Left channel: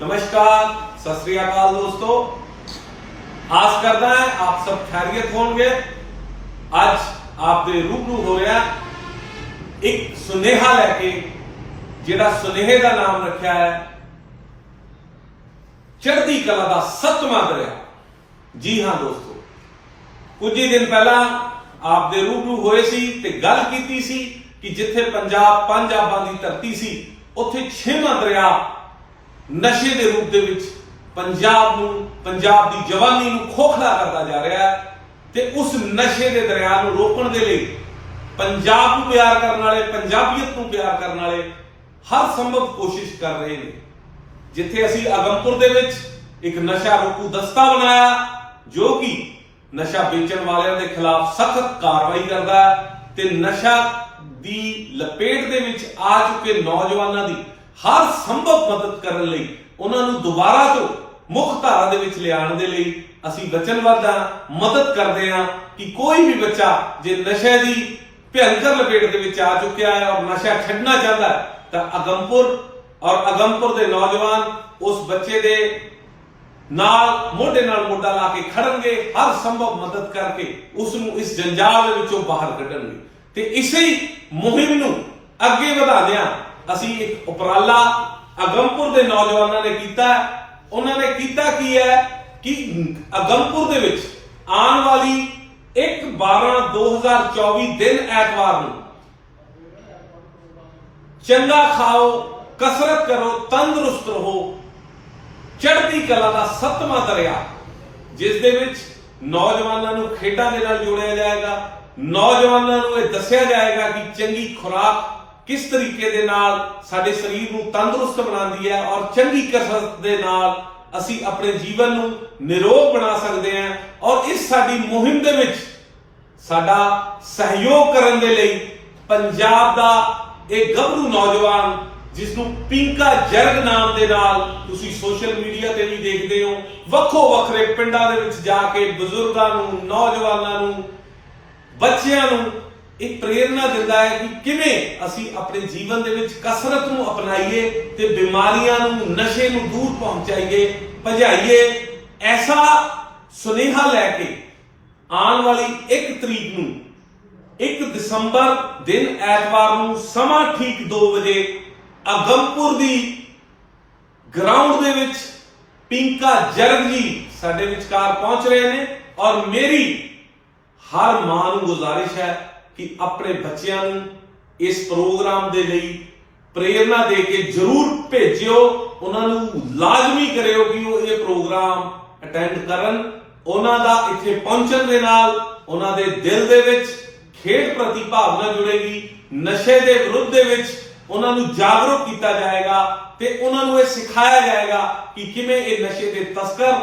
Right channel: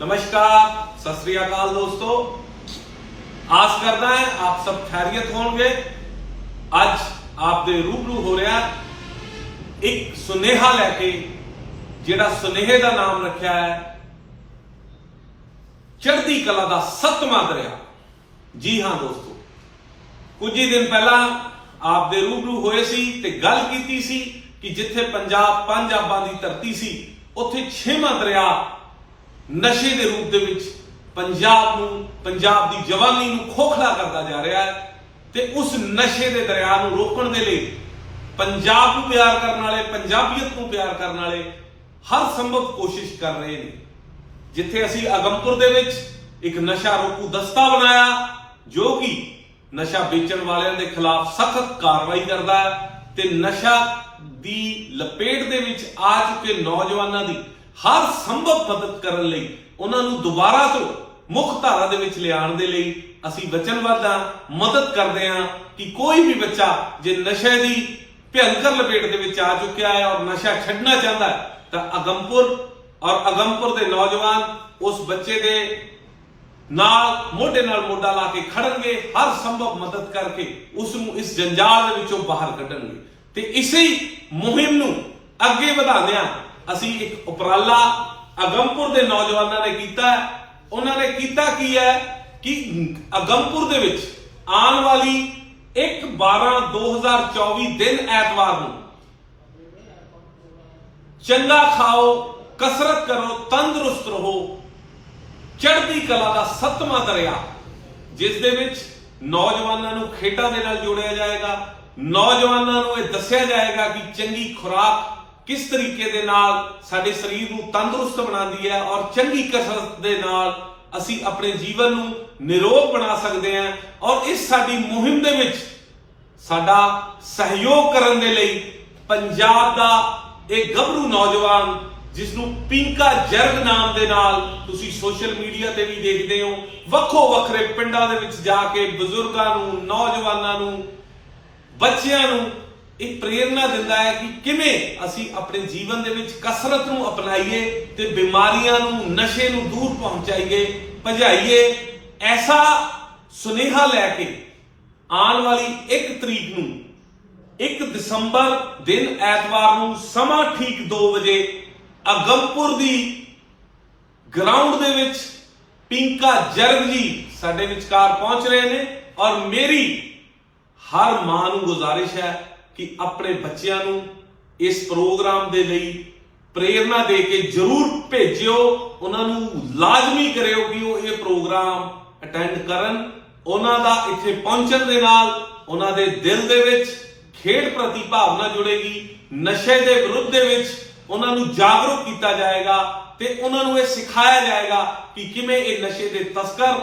ਨਮਸਕਾਰ, ਸਤਿ ਸ੍ਰੀ ਅਕਾਲ ਦੋਸਤੋ। ਆਸ ਕਰਦਾ ਹਾਂ ਆਪ ਸਭ ਖੈਰੀਅਤ ਹੋਣਗੇ। ਅੱਜ ਆਪ ਦੇ ਰੂਬਰੂ ਹੋ ਰਿਹਾ ਇੱਕ ਸੁਨੇਹਾ ਲੈ ਕੇ, ਜਿਹੜਾ ਸੁਨੇਹੇ ਦਾ ਨਾਮ ਰੱਖਿਆ ਹੈ। ਚੜ੍ਹਦੀ ਕਲਾ ਦਾ ਸਤਵਾਂ ਦਰਿਆ। ਜੀ ਹਾਂ ਦੋਸਤੋ, ਕੁਝ ਹੀ ਦਿਨ ਪਹਿਲਾਂ ਆਪ ਦੇ ਰੂਬਰੂ ਹੋਏ ਸੀ ਤੇ ਗੱਲ ਕੀਤੀ ਸੀ ਕਿ ਜਿੱਥੇ ਪੰਜਾਬ ਪੰਜ ਆਬਾਂ ਦੀ ਧਰਤੀ ਸੀ, ਉੱਥੇ ਛੇਵਾਂ ਦਰਿਆ ਨਸ਼ੇ ਦੇ ਰੂਪ ਦੇ ਵਿੱਚ ਪੰਜਾਬ ਨੂੰ, ਪੰਜਾਬ ਦੀ ਜਵਾਨੀ ਨੂੰ ਖੋਖਲਾ ਕਰਦਾ ਜਾ ਰਿਹਾ ਹੈ ਤੇ ਉਸ ਨਸ਼ੇ ਦੇ ਦਰਿਆ ਨੂੰ ਰੋਕਣ ਦੇ ਲਈ ਪੰਜਾਬ ਨੂੰ ਪਿਆਰ ਕਰਨ ਵਾਲੇ, ਪੰਜਾਬੀਅਤ ਨੂੰ ਪਿਆਰ ਕਰਨ ਵਾਲੇ ਹਰ ਸੰਭਵ ਕੋਸ਼ਿਸ਼ ਕਰ ਰਹੇ ਨੇ। ਜਿੱਥੇ ਅਸੀਂ ਅਗਮਪੁਰ ਦੇ ਵਿੱਚ ਇੱਕ ਨਸ਼ਾ ਰੋਕੂ ਦਸਤਾ ਬਣਾਇਆ, ਜੋ ਕਿ ਨਸ਼ਾ ਵੇਚਣ ਵਾਲਿਆਂ ਦੇ ਖਿਲਾਫ ਸਖਤ ਕਾਰਵਾਈ ਕਰਦਾ ਹੈ ਤੇ ਨਸ਼ਾ ਦੀ ਲਪੇਟ ਦੇ ਵਿੱਚ ਆ ਚੁੱਕੇ ਨੌਜਵਾਨਾਂ ਦੀ ਹਰ ਸੰਭਵ ਮਦਦ ਕਰਨ ਲਈ, ਉਹਨਾਂ ਨੂੰ ਦੁਬਾਰਾ ਤੋਂ ਮੁੱਖ ਧਾਰਾ ਦੇ ਵਿੱਚ ਲਿਆਉਣ ਦੇ ਲਈ ਅਸੀਂ ਵਚਨਬੱਧ ਹਾਂ, ਮਦਦ ਕਰਦੇ ਹਾਂ ਕਿ ਕੋਈ ਵੀ ਬੱਚਾ ਜੇ ਨਸ਼ੇ ਦੀ ਭਿਅੰਕਰ ਲਪੇਟ ਦੇ ਵਿੱਚ ਆ ਚੁੱਕਿਆ ਹੈ ਔਰ ਨਸ਼ਾ ਛੱਡਣਾ ਚਾਹੁੰਦਾ ਹੈ, ਤਾਂ ਅਗਮਪੁਰ ਔਰ ਅਗਮਪੁਰ ਦੇ ਨੌਜਵਾਨ ਉਸ ਬੱਚੇ ਦੇ ਨਾਲ, ਮੋਢੇ ਨਾਲ ਮੋਢਾ ਲਾ ਕੇ ਖੜਨਗੇ, ਹਰ ਸੰਭਵ ਮਦਦ ਕਰਕੇ ਉਸ ਨੂੰ ਇਸ ਜੰਜਾਲ ਦੇ ਵਿੱਚੋਂ ਬਾਹਰ ਕੱਢਣਗੇ। ਤੇ ਇਸੇ ਮੁਹਿੰਮ ਨੂੰ ਅੱਗੇ ਵਧਾਉਂਦਿਆਂ ਅਸੀਂ ਇੱਕ ਉਪਰਾਲਾ ਅਗਮਪੁਰ ਦੇ ਨੌਜਵਾਨਾਂ ਨੇ ਕੀਤਾ ਉਹਨਾਂ ਨੇ ਕੀਤਾ ਕੀ ਹੈ ਕਿ ਅਗਮਪੁਰ ਦੇ ਵਿੱਚ ਆਉਣ ਵਾਲੀ 1 12 2024 ਦਿਨ ਐਤਵਾਰ ਨੂੰ ਚੰਗਾ ਖਾਓ, ਕਸਰਤ ਕਰੋ, ਤੰਦਰੁਸਤ ਰਹੋ, ਚੜ੍ਹਦੀ ਕਲਾ ਦਾ ਸੱਤਵਾਂ ਦਰਿਆ, ਜਿਸ ਦੇ ਵਿੱਚ ਨੌਜਵਾਨਾਂ ਨੂੰ ਖੇਡਾਂ ਦੇ ਨਾਲ ਜੋੜਿਆ ਜਾਏਗਾ। ਨੌਜਵਾਨਾਂ ਨੂੰ ਇਹ ਦੱਸਿਆ ਜਾਏਗਾ ਕਿ ਚੰਗੀ ਖੁਰਾਕ ਕਿਸ ਤਰੀਕੇ ਦੇ ਨਾਲ ਸਾਡੇ ਸਰੀਰ ਨੂੰ ਤੰਦਰੁਸਤ ਬਣਾਉਂਦੀ ਹੈ ਔਰ ਚੰਗੀ ਕਸਰਤ ਦੇ ਨਾਲ ਅਸੀਂ ਆਪਣੇ ਜੀਵਨ ਨੂੰ ਨਿਰੋਗ ਬਣਾ ਸਕਦੇ ਹਾਂ ਔਰ ਇਸ ਸਾਡੀ ਮੁਹਿੰਮ ਦੇ ਵਿੱਚ ਸਾਡਾ ਸਹਿਯੋਗ ਕਰਨ ਦੇ ਲਈ ਪੰਜਾਬ ਦਾ ਇਹ ਗੱਭਰੂ ਨੌਜਵਾਨ ਜਿਸ ਨੂੰ ਪਿੰਕਾ ਜਰਗ ਨਾਮ ਦੇ ਨਾਲ ਤੁਸੀਂ ਸੋਸ਼ਲ ਮੀਡੀਆ ਤੇ ਵੀ ਦੇਖਦੇ ਹੋ, ਵੱਖੋ ਵੱਖਰੇ ਪਿੰਡਾਂ ਦੇ ਵਿੱਚ ਜਾ ਕੇ ਬਜ਼ੁਰਗਾਂ ਨੂੰ, ਨੌਜਵਾਨਾਂ ਨੂੰ, ਬੱਚਿਆਂ ਨੂੰ ਇਹ ਪ੍ਰੇਰਣਾ ਦਿੰਦਾ ਹੈ ਕਿ ਕਿਵੇਂ ਅਸੀਂ ਆਪਣੇ ਜੀਵਨ ਦੇ ਵਿੱਚ ਕਸਰਤ ਨੂੰ ਅਪਣਾਈਏ ਤੇ ਬਿਮਾਰੀਆਂ ਨੂੰ, ਨਸ਼ੇ ਨੂੰ ਦੂਰ ਪਹੁੰਚਾਈਏ, ਭਜਾਈਏ। ਐਸਾ ਸੁਨੇਹਾ ਲੈ ਕੇ ਆਉਣ ਵਾਲੀ 1 ਤਰੀਕ ਨੂੰ 1 ਦਸੰਬਰ ਦਿਨ ਐਤਵਾਰ ਨੂੰ ਸਮਾਂ ਠੀਕ 2 ਵਜੇ ਅਗਮਪੁਰ ਦੀ ਗਰਾਊਂਡ ਦੇ ਵਿੱਚ ਪਿੰਕਾ ਜਰਗ ਜੀ ਸਾਡੇ ਵਿਚਕਾਰ ਪਹੁੰਚ ਰਹੇ ਨੇ ਔਰ ਮੇਰੀ ਹਰ ਮਾਂ ਨੂੰ ਗੁਜ਼ਾਰਿਸ਼ ਹੈ ਕਿ ਆਪਣੇ ਬੱਚਿਆਂ ਨੂੰ ਇਸ ਪ੍ਰੋਗਰਾਮ ਦੇ ਲਈ ਪ੍ਰੇਰਣਾ ਦੇ ਕੇ ਜਰੂਰ ਭੇਜਿਓ, ਉਹਨਾਂ ਨੂੰ ਲਾਜ਼ਮੀ ਕਰਿਓ ਕਿ ਉਹ ਇਹ ਪ੍ਰੋਗਰਾਮ ਅਟੈਂਡ ਕਰਨ, ਉਹਨਾਂ ਦਾ ਇੱਥੇ ਪਹੁੰਚਣ ਦੇ ਨਾਲ ਉਹਨਾਂ ਦੇ ਦਿਲ ਦੇ ਵਿੱਚ ਖੇਡ ਪ੍ਰਤੀ ਭਾਵਨਾ ਜੁੜੇਗੀ, ਨਸ਼ੇ ਦੇ ਵਿਰੁੱਧ ਦੇ ਵਿੱਚ ਉਹਨਾਂ ਨੂੰ ਜਾਗਰੂਕ ਕੀਤਾ ਜਾਏਗਾ ਤੇ ਉਹਨਾਂ ਨੂੰ ਇਹ ਸਿਖਾਇਆ ਜਾਏਗਾ ਕਿ ਕਿਵੇਂ ਇਹ ਨਸ਼ੇ ਦੇ ਤਸਕਰ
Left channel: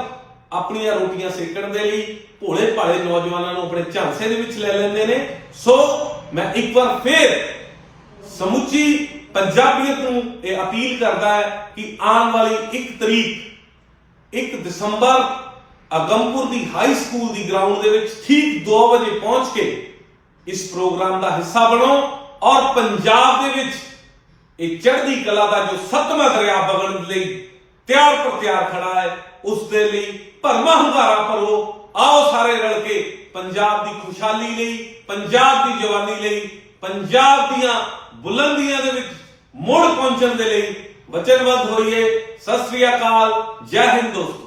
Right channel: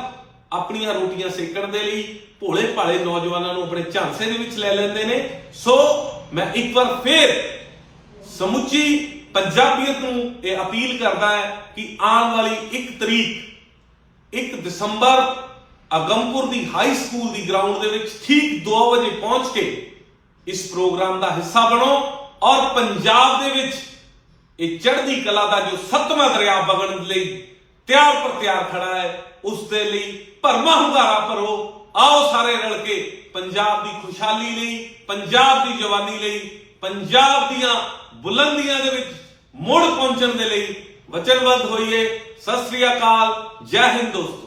ਆਪਣੀਆਂ ਰੋਟੀਆਂ ਸੇਕਣ ਦੇ ਲਈ ਭੋਲੇ ਭਾਲੇ ਨੌਜਵਾਨਾਂ ਨੂੰ ਆਪਣੇ ਝਾਂਸੇ ਦੇ ਵਿੱਚ ਲੈ ਲੈਂਦੇ ਨੇ। ਸੋ ਮੈਂ ਇੱਕ ਵਾਰ ਫੇਰ ਸਮੁੱਚੀ ਪੰਜਾਬੀਅਤ ਨੂੰ ਇਹ ਅਪੀਲ ਕਰਦਾ ਹੈ ਕਿ ਆਉਣ ਵਾਲੀ 1 ਤਰੀਕ 1 ਦਸੰਬਰ ਅਗਮਪੁਰ ਦੀ ਹਾਈ ਸਕੂਲ ਦੀ ਗਰਾਊਂਡ ਦੇ ਵਿੱਚ ਠੀਕ 2 ਵਜੇ ਪਹੁੰਚ ਕੇ ਇਸ ਪ੍ਰੋਗਰਾਮ ਦਾ ਹਿੱਸਾ ਬਣੋ ਔਰ ਪੰਜਾਬ ਦੇ ਵਿੱਚ ਇਹ ਚੜ੍ਹਦੀ ਕਲਾ ਦਾ ਜੋ ਸੱਤਵਾਂ ਦਰਿਆ ਵਗਣ ਲਈ ਤਿਆਰ ਪਰ ਤਿਆਰ ਖੜਾ ਹੈ ਉਸ ਦੇ ਲਈ ਭਰਮਾ ਹੁੰਗਾਰਾ ਭਰੋ। ਆਓ ਸਾਰੇ ਰਲ ਕੇ ਪੰਜਾਬ ਦੀ ਖੁਸ਼ਹਾਲੀ ਲਈ, ਪੰਜਾਬ ਦੀ ਜਵਾਨੀ ਲਈ, ਪੰਜਾਬ ਦੀਆਂ ਬੁਲੰਦੀਆਂ ਦੇ ਵਿੱਚ ਮੁੜ ਪਹੁੰਚਣ ਦੇ ਲਈ ਵਚਨਬੱਧ ਹੋਈਏ। ਸਤਿ ਸ੍ਰੀ ਅਕਾਲ, ਜੈ ਹਿੰਦ ਦੋਸਤੋ।